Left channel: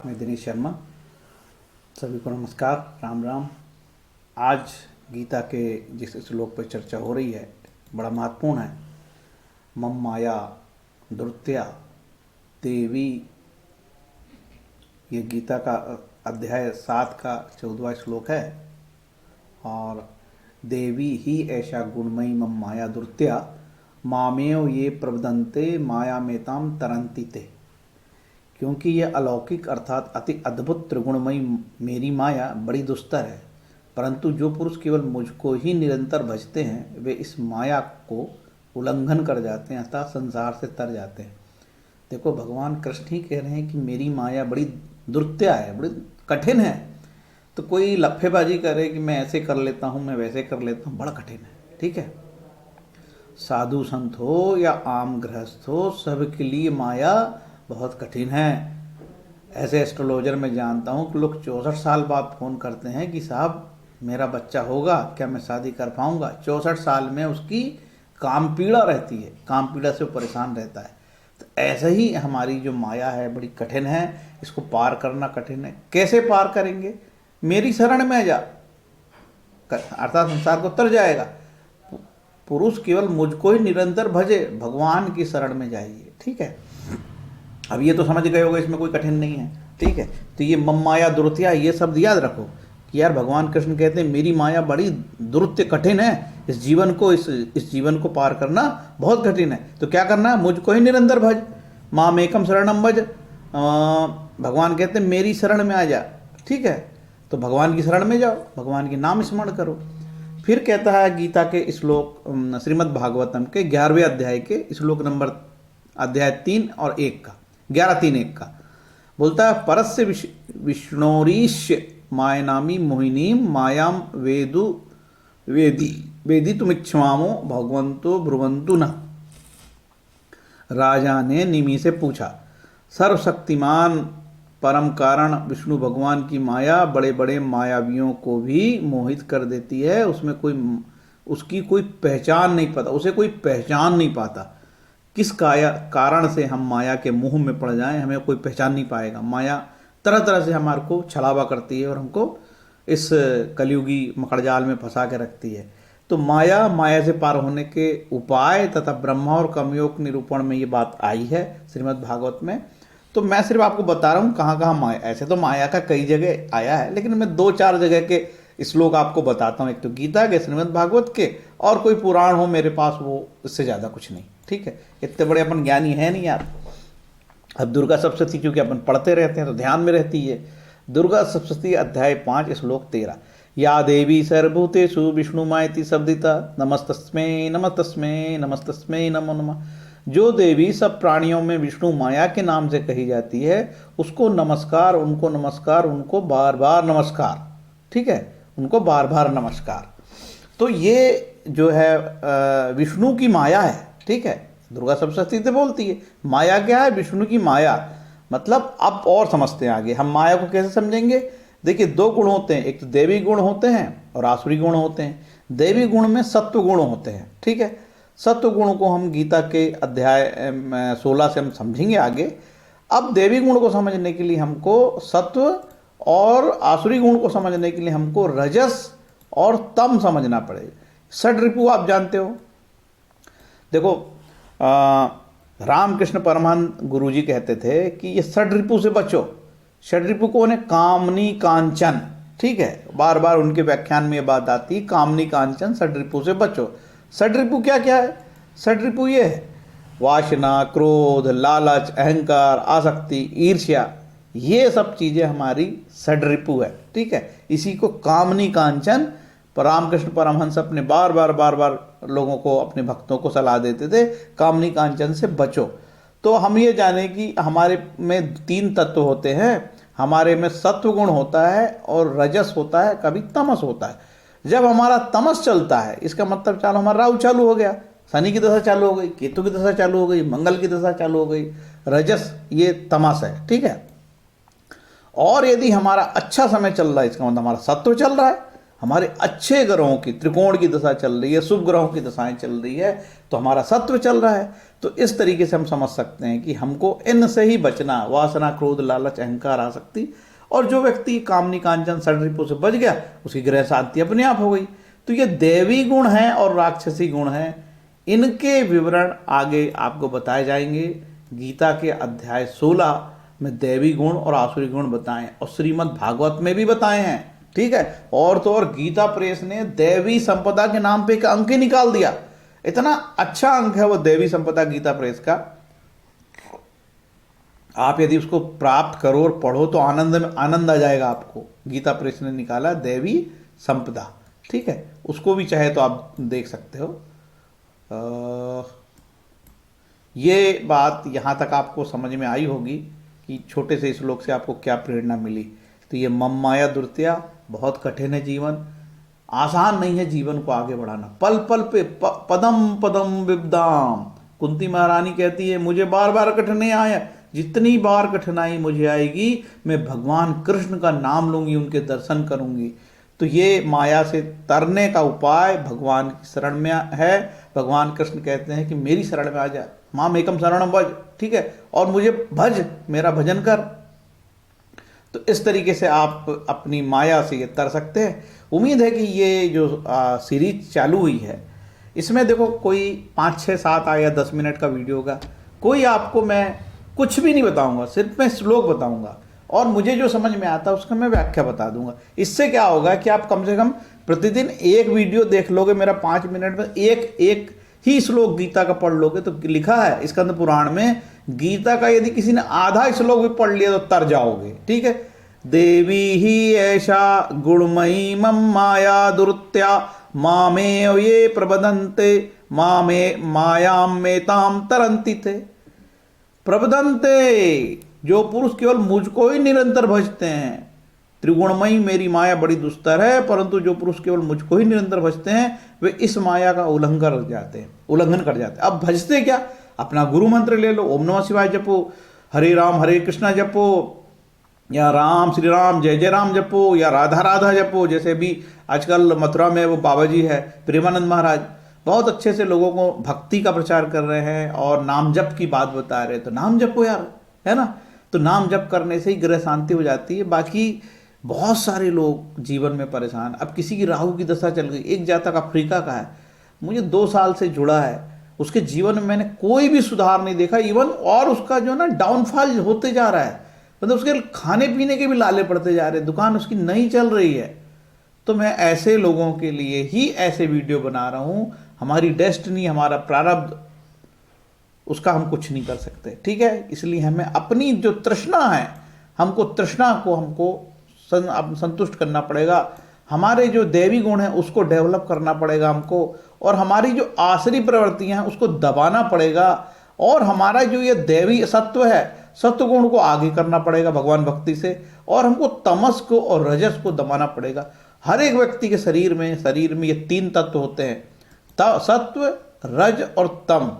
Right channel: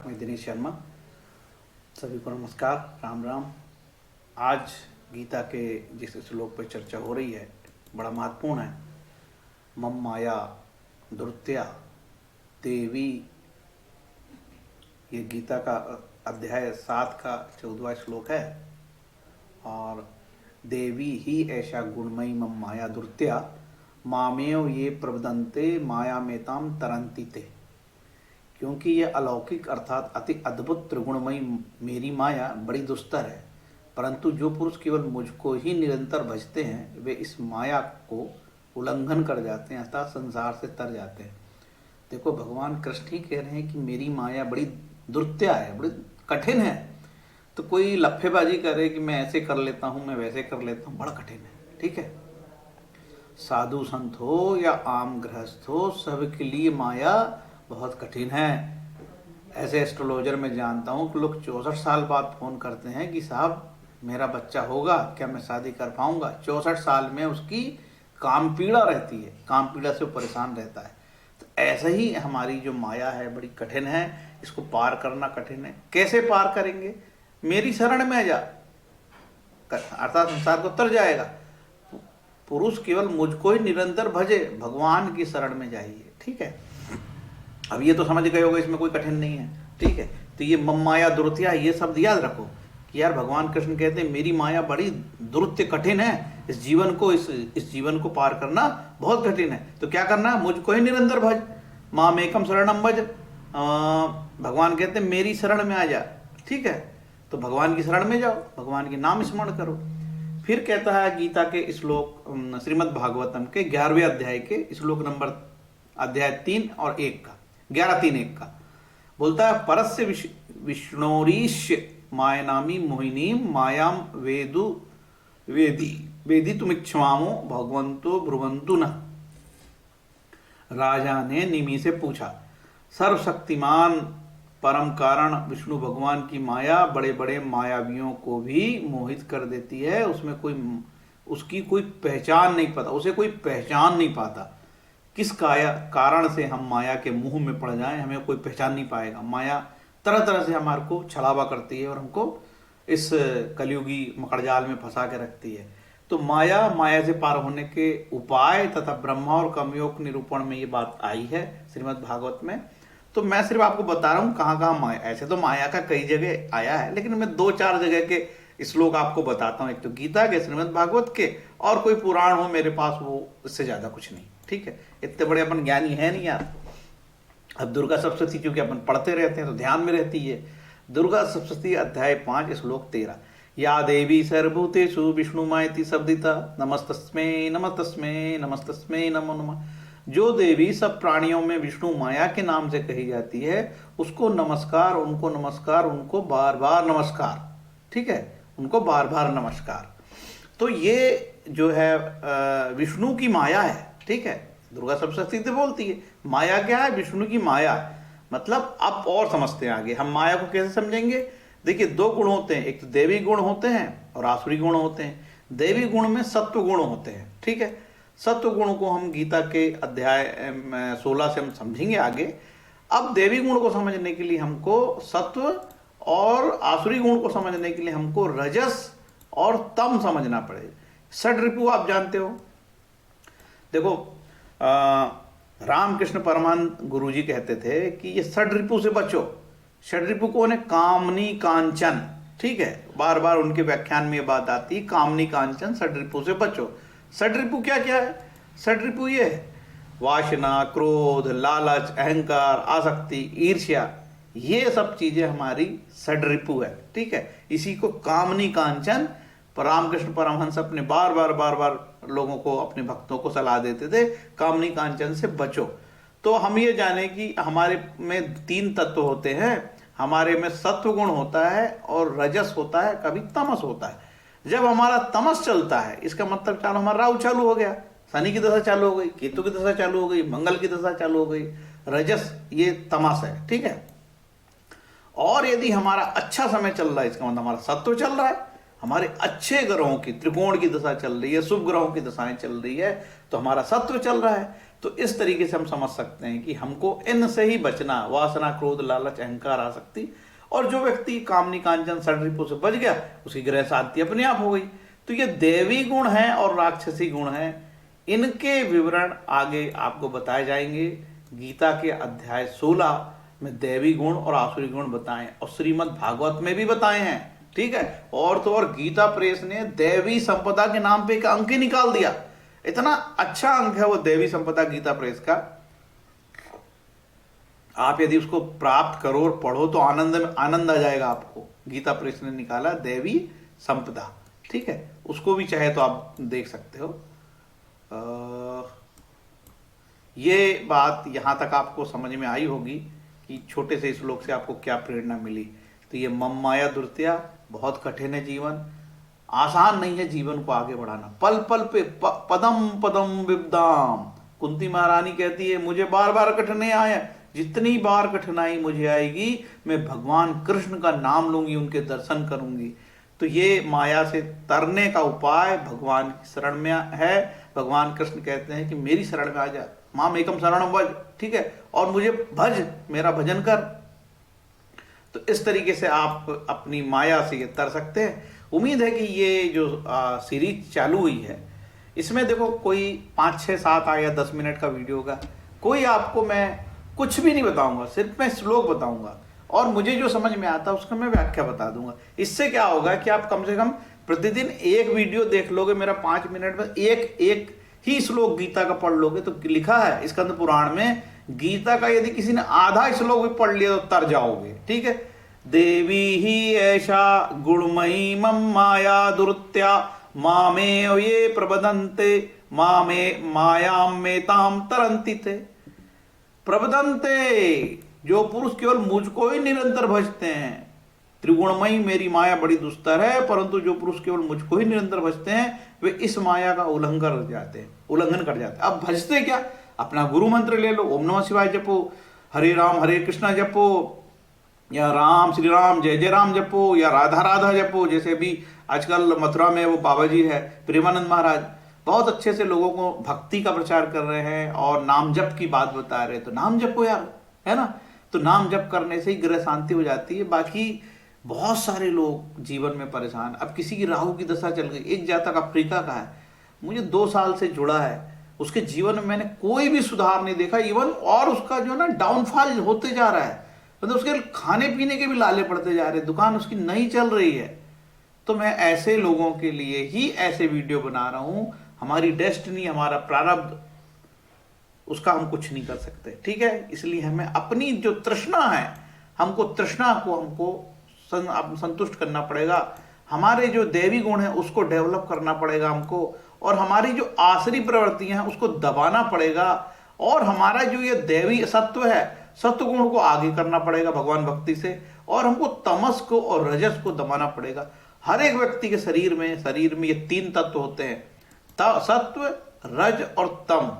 मैं दिनेश शर्मा। सभी को नमस्कार, राम राम। आज गीता के जिस श्लोक पर चर्चा हो रही है बड़ा महत्वपूर्ण है। मम माया दुर्त्या देवी, ये गीता का अध्याय 7 का 14वां श्लोक है। और देवी ही ऐसा गुणमयी मम माया दुर्त्या मामेव ये प्रवदन्ते माया मेताम तरंती ते। क्योंकि यह अलौकिक अर्थात अति अद्भुत त्रिगुणमयी मेरी माया बड़ी दुस्तर है, परंतु जो पुरुष केवल मुझको ही निरंतर भजते हैं वे इस माया को उल्लंघन कर जाते हैं अर्थात संसार से तर जाते हैं। देखो, भगवान कृष्ण ही कह रहे हैं कि मेरी माया बड़ी दुर्त्या है, बड़ी कठिन है। तो कोई लफ्फेबाजी करे कि मैं ऐसे कर लेता हूँ, मैं वैसे कर लेता हूँ, बड़ा कठिन है। ठीक है, साधु संत हो या आम गृहस्थ हो, सबके लिए माया बहुत कठिन है। ऐसे एस्ट्रोलॉजर में जानता हूँ कि लोग 64 साल बाद फ़ोन करते हैं कि साहब मेरा बच्चा होगा क्या, मैं शादी कर पाऊँगा। 64 साल में उसकी काम पीड़ा रहती है, काम पीड़ा से वो परेशान रहता है। तो ऐसे ही हमारी जो माया है बड़ी कठिन है, इसको पार करना कठिन है। कैसे पार करेंगे? मेरी शरण में आ जा, अर्थात संसार को तर जाएगा। पुरुष केवल मुझको ही निरंतर भजे, भगवान की शरण में जाइए। ठीक है, अब ये तो समझ गए होगा, इसमें कोई कठिन नहीं है। ठीक है, तो ये मम माया दुर्त्या, ये शब्द याद रखो कि यार भगवान कृष्ण कहते हैं मेरी माया बड़ी दुर्त्य कठिन है। इस जीवन को पार करना बहुत कठिन है। तो क्या करना है? मुझको ही निरंतर भज, माम एकम शरणम भज। भगवान कहते हैं मेरी शरण में आ जा। ठीक है, तो भगवान की शरण में जाओ, भगवान के नाम स्मरण करो। फिर कहता है गीता के श्लोक श्रीमद् भागवतम के 11वें अध्याय के श्लोक नंबर अध्याय 3 और 1 का 11:3-1 का बोलता है, परस्य विष्णोरीश्य मायनामी मोहिनी मायाम वेदी तुमिच्छमामो भगवंतो ब्रुवंतु न। राजा ने निमि से पूछा, सर्वशक्तिमान परम कारण विष्णु भगवान की माया बड़े बड़े मायावियों को भी मोहित कर देती है। उसकी कोई पहचान नहीं पाता, उसे कोई पहचान नहीं पाता। किस कारण से हम माया के मुंह में पड़ जाएं, हमें कोई पहचान नहीं पाएगा। माया तरह तरह से हमारे को छलावा करती है और हमको इस कलयुगी मकड़जाल में फंसा के रखती है। तो माया से पार होने के उपाय तथा ब्रह्मा और कर्मयोग निरूपण में ये बात आई है श्रीमद् भागवत में। तो मैं सिर्फ आपको बता रहा हूँ कहाँ कहाँ माया, ऐसे तो माया का कई जगह आया है, लेकिन मैं 2-4 जगह के श्लोक आपको बताता हूँ। एक तो गीता के, श्रीमद् भागवत के, और कोई पुराण हो मेरे पास, वो इससे ज़्यादा कुछ नहीं। ठीक है, इतने बड़े अपन ज्ञानी है नहीं यार। अब दुर्गा सप्तशती चूंकि अपन पढ़ते रहते हैं तो ध्यान में रहती है। दुर्गा सप्तशती अध्याय 5 श्लोक 13, या देवी सर्वभूतेषु विष्णुमायति शब्दिता नमस्तस्मै नमस्तस्मै नमस्तस्मै नमो नमः। जो देवी सब प्राणियों में विष्णु माया के नाम से कही जाती है, उसको नमस्कार, उनको बार बार नमस्कार। ठीक है, उनको बार बार नमस्कार। तो ये जो है विष्णु की माया है। ठीक है, दुर्गा सप्तशती से बोलती है। माया क्या है? विष्णु की माया। मतलब अब और समझते हैं आगे हम माया को कैसे समझेंगे। देखिए, 2 गुण होते हैं, एक तो देवी गुण होते हैं और आसुरी गुण होते हैं। देवी गुण में सत्व गुण होते हैं। ठीक है, सत्व गुण को हम गीता के अध्याय 16 से हम समझेंगे आगे। अब देवी गुण को समझने के लिए हमको सत्व, और आसुरी गुण को समझने के लिए हमको रजस और तम समझना पड़ेगा। षड्रिपु आप जानते हो। देखो, रामकृष्ण परमहंस गुरुजी कहते थे कि ये षड्रिपु से बचो। षड्रिपु कौन है? कामनी कांचन। ठीक है, बार बार उनके व्याख्यान में ये बात आती है, कामनी कांचन षड्रिपु से बचो। षड्रिपु क्या क्या है? षड्रिपु ये है, वासना, क्रोध, लालच, अहंकार, आसक्ति, ईर्ष्या, ये सब चीजें हमारी षड्रिपु है। ठीक है, इसी को कामनी कांचन रामकृष्ण परमहंस अपने बार बार लोगों को, अपने भक्तों को सलाह देते थे, कामनी कांचन से बचो। तो हम ये जाने कि हमारे में 3 तत्व होते हैं। हमारे में सत्व गुण होता है और रजस होता है, कभी तमस होता है। जब हमारा तमस चलता है, इसका मतलब चालो हमारा राहु चालू हो गया, शनि की दशा चालू हो गई, केतु की दशा चालू हो गई, मंगल की दशा चालू हो गई। रजस ये तमस है। ठीक है, और यदि हमारा अच्छा समय चल रहा है, इसका मतलब हमारा सत्व चल रहा है। हमारे अच्छे ग्रहों की, त्रिकोण की दशा चल रही है, शुभ ग्रहों की दशाएं चल रही है, तो हमारा सत्व चल रहा है। तो इस तरीके से हम समझ सकते हैं कि हमको इनसे ही बचना, वासना, क्रोध, लालच, अहंकार, आसक्ति। और जो व्यक्ति कामनी कांचन षड्रिपु से बच गया, उसकी ग्रह शांति अपने आप हो गई। तो ये देवी गुण है और राक्षसी गुण है, इनके विवरण आगे आपको बताए जाएंगे। गीता के अध्याय 16 में देवी गुण और आसुरी गुण बताएं, और श्रीमद् भागवत में भी बताए हैं। ठीक है। और तो और गीता प्रेस ने देवी संपदा के नाम पे एक अंक ही निकाल दिया। इतना अच्छा अंक है वो देवी संपदा गीता प्रेस का। आप यदि उसको प्राप्त करो और पढ़ो तो आनंद आ जाएगा आपको। गीता प्रेस ने निकाला देवी संपदा। ठीक है, उसको भी चाहे तो आप देख सकते हो। ये बात यहां तक आपको समझ में आई होगी कि छोटे से श्लोक से आपको क्या प्रेरणा मिली। तो ये मम माया दुर्त्या, बहुत कठिन है जीवन, आसान नहीं है जीवन को आगे बढ़ाना। पल पल पे पदम पदम विपदाम, कुंती महारानी कहती है मुझे बार बार कठिनाई आया, जितनी बार कठिनाई मुझे आएगी मैं भगवान कृष्ण का नाम लूंगी, उनके दर्शन करूंगी। तो ये माया से तरने का उपाय भगवान की शरण में है। भगवान कृष्ण कहते हैं कि मेरी शरण में आ जा, माम एकम शरणम भज। ठीक है, और मुझे भज, मेरा भजन कर। तो इस तरीके से आप अपनी माया से ये तर सकते हैं। उम्मीद है कि ये जो सीरीज चालू हुई है, इसमें देखो कोई 5, 6, 7 या 10 मिनट का वीडियो होगा। कोई आपको मैं कुछ भी नहीं बताऊंगा, सिर्फ मैं श्लोक बताऊंगा और मुझे जो समझ में आता है उसका मैं व्याख्या बता दूंगा। इससे क्या होगा कि आप कम से कम प्रतिदिन एक वीडियो देख लोगे मेरा, 5 मिनट में एक ही श्लोक गीता का पढ़ लोगे। तो लिखा है स्कंद पुराण में, गीता का यदि किसी ने आधा श्लोक भी पढ़ लिया तो तर जाओगे। ठीक है। देवी ही ऐसा गुणमयी मम माया दुर्त्या, मामे ये प्रबदन्ते मामे मायाम मेताम तरंती थे। प्रबदन्ते, जो पुरुष केवल मुझको ही निरंतर भजते हैं। त्रिगुणमयी मेरी माया बड़ी दुस्तर है, परंतु जो पुरुष केवल मुझको ही निरंतर भजते हैं वे इस माया का उल्लंघन कर जाते हैं। अब भजते क्या? अपना गुरु मंत्र ले लो, ओम नमः शिवाय जपो, हरे राम हरे कृष्णा जपो, या राम श्री राम जय जय राम जपो, या राधा राधा जपो। जैसे भी आजकल मथुरा में वो बाबा जी है प्रेमानंद महाराज, बहुत अच्छे से लोगों को भक्ति का प्रचार कर रहे हैं और नाम जप की बात बता रहे हैं। तो नाम जपो यार, है ना। तो नाम जप करने से ही ग्रह शांति हो जाती है। बाकी बहुत सारे लोग जीवन में परेशान। अब किसी की राहु की दशा चल गई, एक जातक अफ्रीका का है, मुझे 2 साल से जुड़ा है, उसके जीवन में मैंने कोई भी सुधार नहीं देखा। इवन और उसका जो ना डाउनफॉल होते जा रहा है, मतलब उसके खाने पीने के भी लाले पड़ते जा रहे हैं, दुकान उसकी नहीं चल रही है। तो मैं ऐसे लोगों के लिए ही ऐसे वीडियो बना रहा हूं। हमारी डेस्टिनी, हमारा प्रारब्ध, उसका हम कुछ नहीं कर सकते। ठीक है, इसलिए हमें अपनी जो तृष्णा है, हमको तृष्णा को संतुष्ट करना पड़ेगा। हमारे जो देवी गुण है उसको डेवलप करना पड़ेगा हमको, और हमारी जो आसरी प्रवृत्तियां हैं उसको दबाना पड़ेगा। और हमारा जो ये देवी सत्व है, सत्व गुण को आगे करना पड़ेगा भगवान भक्ति से, और हमको तमस को और रजस को दबाना पड़ेगा। हर एक व्यक्ति के शरीर में ये 3 तत्व होते हैं, सत्व, रज और तम।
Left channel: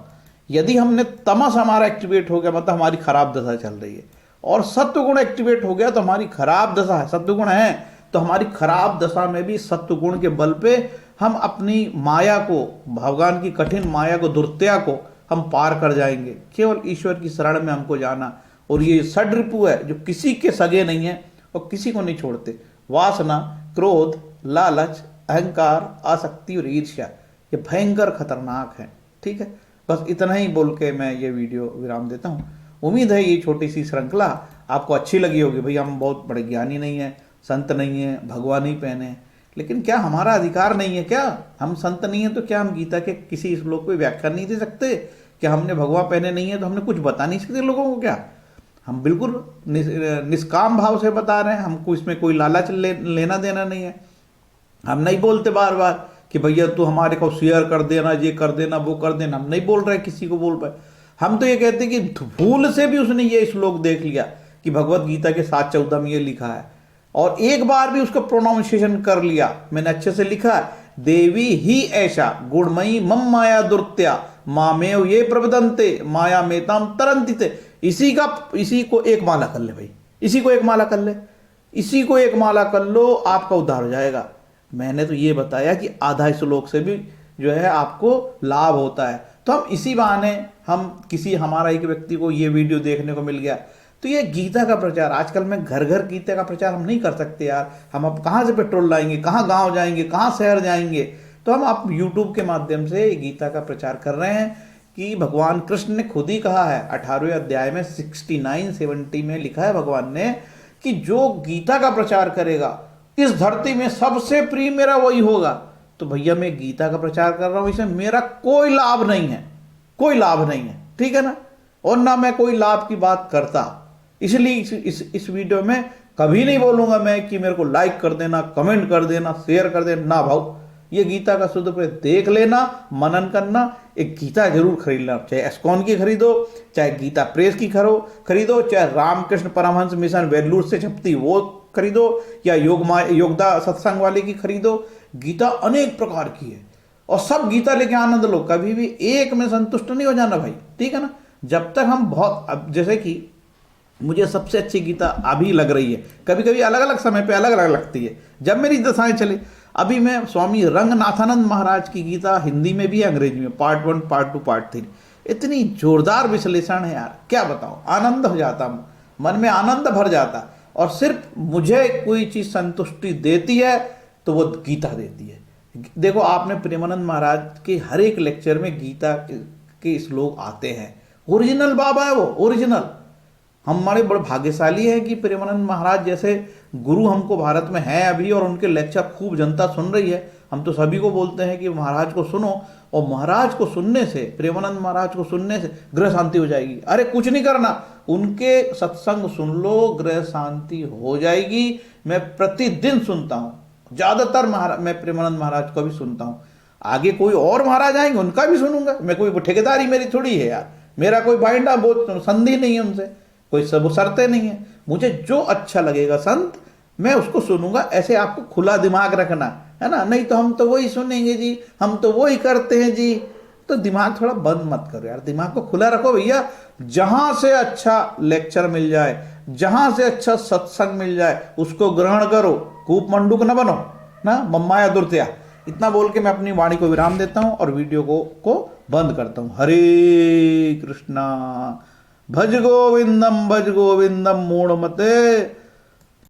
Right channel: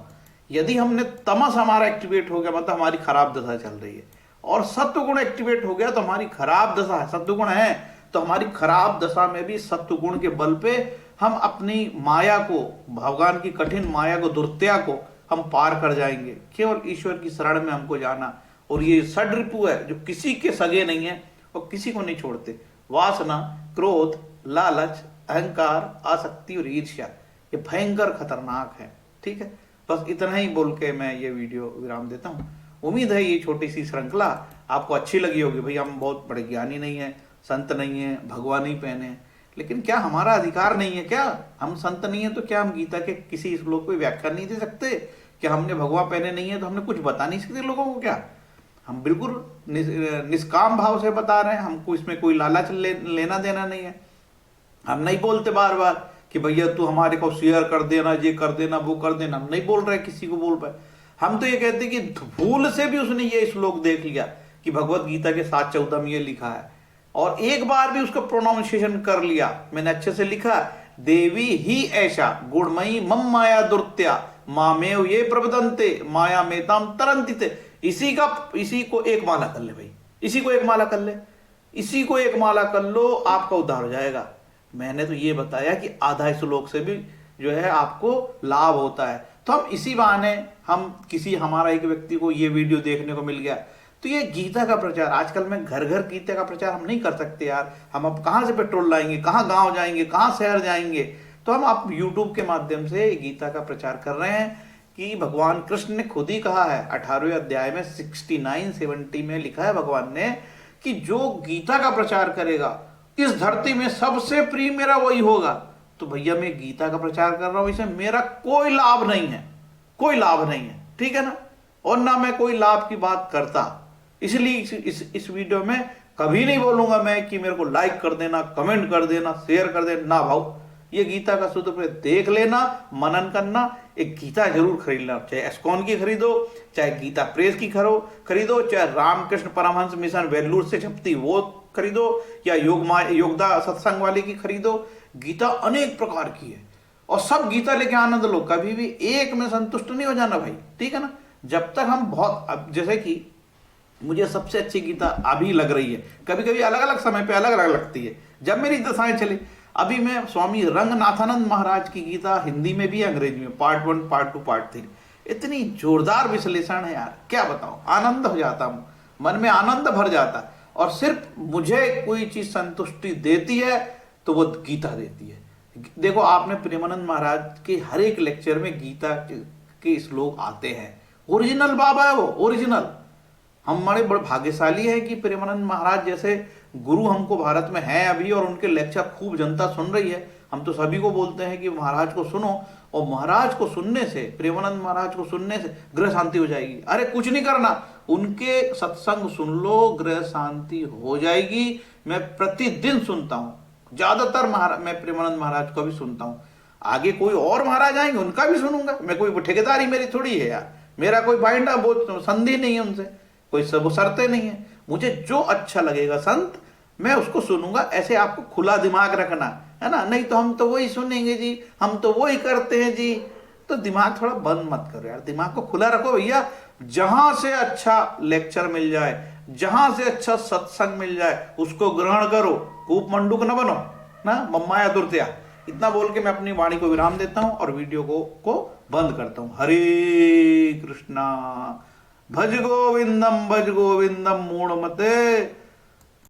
यदि हमने तमस हमारा एक्टिवेट हो गया, मतलब हमारी खराब दशा चल रही है, और सत्व गुण एक्टिवेट हो गया तो हमारी खराब दशा है। सत्व गुण है तो हमारी खराब दशा में भी सत्व गुण के बल पे हम अपनी माया को, भगवान की कठिन माया को, दुर्त्या को हम पार कर जाएंगे। केवल ईश्वर की शरण में हमको जाना। और ये षड्रिपु है जो किसी के सगे नहीं है और किसी को नहीं छोड़ते। वासना, क्रोध, लालच, अहंकार, आसक्ति और ईर्ष्या, ये भयंकर खतरनाक है। ठीक है, बस इतना ही बोल के मैं ये वीडियो विराम देता हूँ। उम्मीद है ये छोटी सी श्रृंखला आपको अच्छी लगी होगी। भाई हम बहुत बड़े ज्ञानी नहीं है, संत नहीं है, भगवान ही पहने हैं, लेकिन क्या हमारा अधिकार नहीं है? क्या हम संत नहीं है तो क्या हम गीता के किसी श्लोक को व्याख्या नहीं दे सकते? क्या हमने भगवा पहने नहीं है तो हमने कुछ बता नहीं सकते लोगों को? क्या हम बिल्कुल निष्काम भाव से बता रहे हैं, हमको इसमें कोई लालच लेना देना नहीं है। हम नहीं बोलते बार बार कि भैया तू हमारे को शेयर कर देना, ये कर देना, वो कर देना। हम नहीं बोल रहे, किसी को बोल रहे। हम तो ये कहते हैं कि भूल से भी उसने ये श्लोक देख लिया कि भगवत गीता के 7:14 में ये लिखा है, और एक बार भी उसका प्रोनाउंसिएशन कर लिया, मैंने अच्छे से लिखा, देवी ही ऐसा गुणमयी मम माया दुर्त्या, मामेव ये प्रबदन्ते माया मेताम तरंती थे। इसी को एक माला कर ले भाई, इसी को एक माला कर ले, इसी को एक माला कर लो, आपका उद्धार हो जाएगा। मैंने तो ये बताया कि आधा श्लोक से भी जो है आपको लाभ होता है। तो हम इसी बहाने हम किसी हमारा एक व्यक्ति को ये वीडियो देखने को मिल गया, तो ये गीता का प्रचार आजकल में घर घर गीता का प्रचार हम नहीं कर सकते यार। हम अब कहाँ से पेट्रोल लाएंगे, कहाँ गांव जाएंगे, कहाँ शहर जाएंगे। तो हम आप यूट्यूब के माध्यम से गीता का प्रचार कर रहे हैं कि भगवान कृष्ण ने खुद ही कहा है 18वें अध्याय में 69-70 में लिखा है भगवान ने कि जो गीता का प्रचार करेगा इस धरती में सबसे प्रिय मेरा वही होगा। तो भैया मैं गीता का प्रचार कर रहा हूं, इसमें मेरा कोई लाभ नहीं है, कोई लाभ नहीं है, ठीक है ना। और ना मैं कोई लाभ की बात करता, इसलिए इस वीडियो में कभी नहीं बोलूंगा मैं कि मेरे को लाइक कर देना, कमेंट कर देना, शेयर कर देना, ना भाव। ये गीता का शुद्ध प्रयोग देख लेना, मनन करना, एक गीता जरूर खरीद लेना, चाहे एस्कॉन की खरीदो, चाहे गीता प्रेस की खरीदो, चाहे रामकृष्ण परमहंस मिशन वेल्लूर से छपती वो खरीदो, या योगदा सत्संग वाले की खरीदो। गीता अनेक प्रकार की है और सब गीता लेके आनंद लो, कभी भी एक में संतुष्ट नहीं हो जाना भाई, ठीक है ना। जब तक हम बहुत, अब जैसे कि मुझे सबसे अच्छी गीता अभी लग रही है, कभी कभी अलग अलग समय पे अलग अलग लगती है जब मेरी दशाएं चली। अभी मैं स्वामी रंगनाथानंद महाराज की गीता हिंदी में भी है, अंग्रेजी में, पार्ट 1, पार्ट 2, पार्ट 3, इतनी जोरदार विश्लेषण है यार, क्या बताऊं, आनंद हो जाता हूं, मन में आनंद भर जाता। और सिर्फ मुझे कोई चीज संतुष्टि देती है तो वो गीता देती है। देखो आपने प्रेमानंद महाराज के हर एक लेक्चर में गीता के श्लोक आते हैं, ओरिजिनल बाबा है वो, ओरिजिनल। हम हमारे बड़े भाग्यशाली हैं कि प्रेमानंद महाराज जैसे गुरु हमको भारत में हैं अभी, और उनके लेक्चर खूब जनता सुन रही है। हम तो सभी को बोलते हैं कि महाराज को सुनो, और महाराज को सुनने से, प्रेमानंद महाराज को सुनने से ग्रह शांति हो जाएगी। अरे कुछ नहीं करना, उनके सत्संग सुन लो, ग्रह शांति हो जाएगी। मैं प्रतिदिन सुनता हूँ, ज्यादातर मैं प्रेमानंद महाराज को भी सुनता हूँ। आगे कोई और महाराज आएंगे उनका भी सुनूंगा, मैं कोई ठेकेदारी मेरी थोड़ी है यार, मेरा कोई बाइंडा वो संधि नहीं है उनसे, कोई सब शर्तें नहीं है। मुझे जो अच्छा लगेगा संत मैं उसको सुनूंगा। ऐसे आपको खुला दिमाग रखना है ना, नहीं तो हम तो वही सुनेंगे जी, हम तो वही करते हैं जी। तो दिमाग थोड़ा बंद मत करो यार, दिमाग को खुला रखो भैया। जहां से अच्छा लेक्चर मिल जाए, जहां से अच्छा सत्संग मिल जाए उसको ग्रहण करो, कूप मंडूक न बनो ना, मम्माया दुर्त्या। इतना बोल के मैं अपनी वाणी को विराम देता हूं और वीडियो को बंद करता हूं। हरे कृष्णा। भज गोविंदम मूढ़मते